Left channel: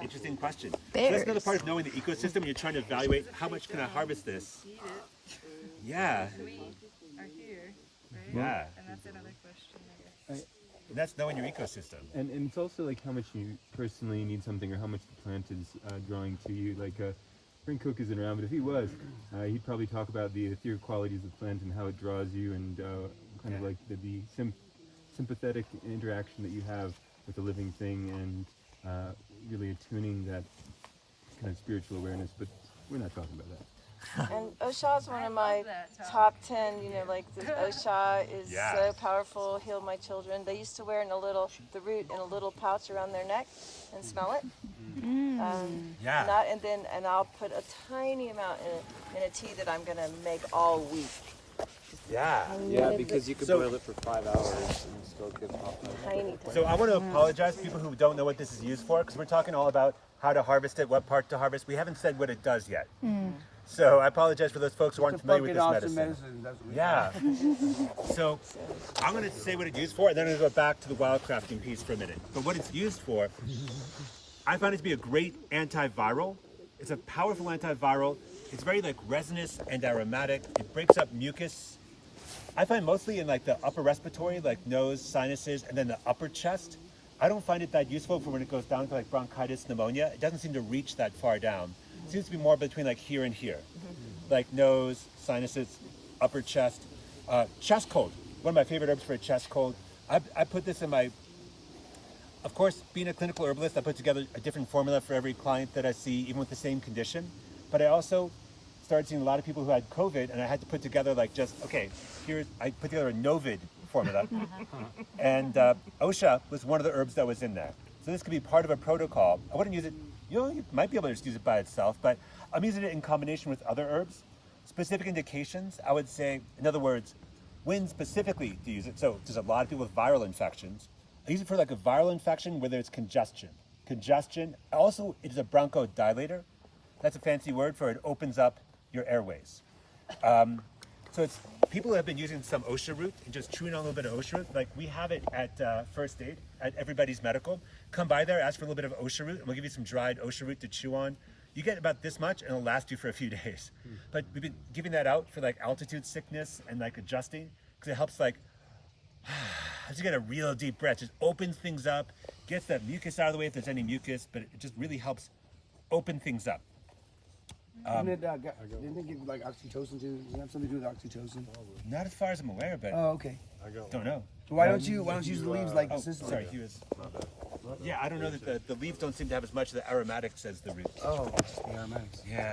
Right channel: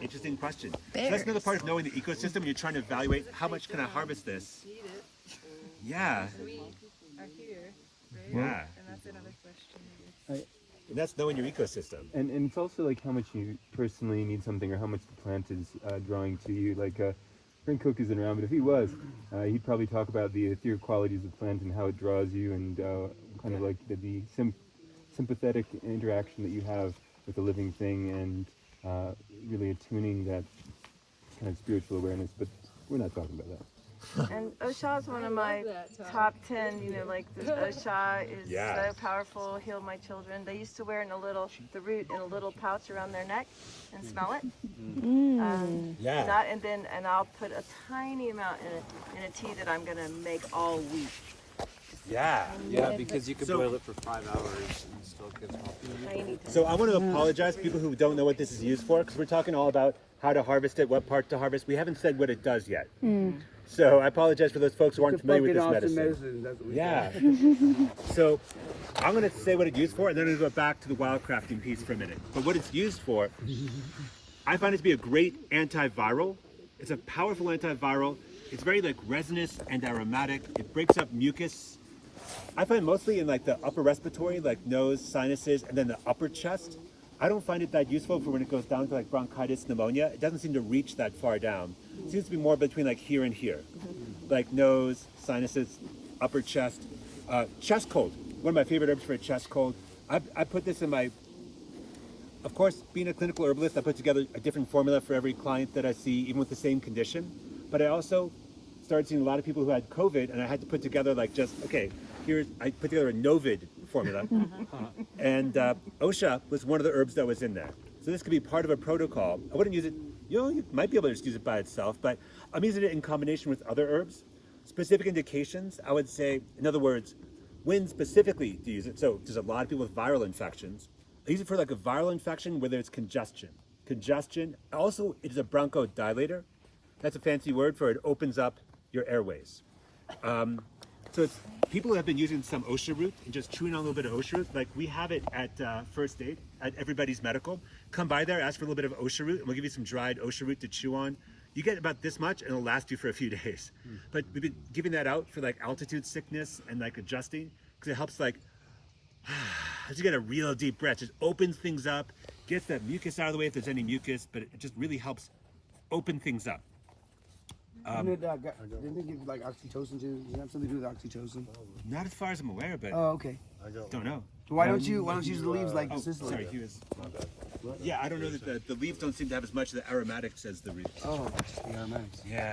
Interesting question. So that's another part of knowing the ecosystem when you're trying to evaluate how much can I harvest this. Yeah. And we are here, right? Yeah. And that's another question, I guess. And that's knowing your ecosystem. And it's also like how much you personally need something or how much the plant is drawing to you. Like Frank Cook isn't around, but if he was, he'd probably talk about the etheric qualities of the plant and how it draws you, and kind of like the sympathetic interaction that you have with the living thing, and really attuning that kind of spiritual awareness. But we're not talking about that. And Osha is one of my top 10, like the Osha is so powerful, healed my children. They used to wear the root in a little pouch around their neck and smell it. And I'll put a tiny amount in a tea that I'm going to make all week. Yeah. Yeah, because you could boil it for 5 hours and still give off. So I want to apologize to people who don't know what this is used for, because we're talking all about how to harvest it, what part to harvest. We haven't said what it does yet. So I apologize for those folks who aren't familiar with this medicine. That's what Yeah. So I'm going to say what it's used for, and then I'm going to go back to the wildcrafting piece for a minute. But what it's used for, I find it to be a great antiviral. It's a powerful antiviral. It's very like resinous and aromatic. It breaks up mucus. I find mostly in like the upper respiratory, like nose, sinuses, and then the upper chest. I don't find it that useful for when it goes down to like bronchitis, pneumonia. It doesn't seem to reach that far down. It seems to be more between like here and here. Like nose, sinuses, upper chest. Chest cold. One of my favorite herbs for a chest cold. I put this in my, of course, being a clinical herbalist, I put together a different formula for every client that I see, even with the same condition. But I also started seeing a lot of people who had COVID, and I had to put together like I put together a Novid formula. And Osha was one of the herbs that was in that. So this could be part of a protocol. I wouldn't use it, you might be able to just use it by itself, but I'm using it in combination with other herbs. Specific indications, I would say, in other words, when specifically to use it. So there's a lot of people with viral infections. I use it for like a viral infection where there's congestion. Also, it is a bronchodilator. That's a fancy word for it opens up your airways. So it's people who have been using some Osha root and just chewing on a little bit of Osha root. Like we have it at First Aid at Everybody's Medical. Come by there, ask for a little bit of Osha root, and we'll give you some dried Osha root to chew on. You get about this much, and it'll last you for a few days. But we've been giving that out for like altitude sickness and like adjusting, because it helps like as you get a real deep breath, just opens things up, gets that mucus out of the way if there's any mucus, but it just really helps open things up. Didn't they give like oxytocin too? Does it have something to do with oxytocin? Not as far as I'm aware, but okay. Don't know. So why don't you use the leaves like Sicily? Sorry, he was. Yeah, I don't know that the leaves don't seem to have as much of the aromatics as the roots. Oh, the aromatics. Yeah.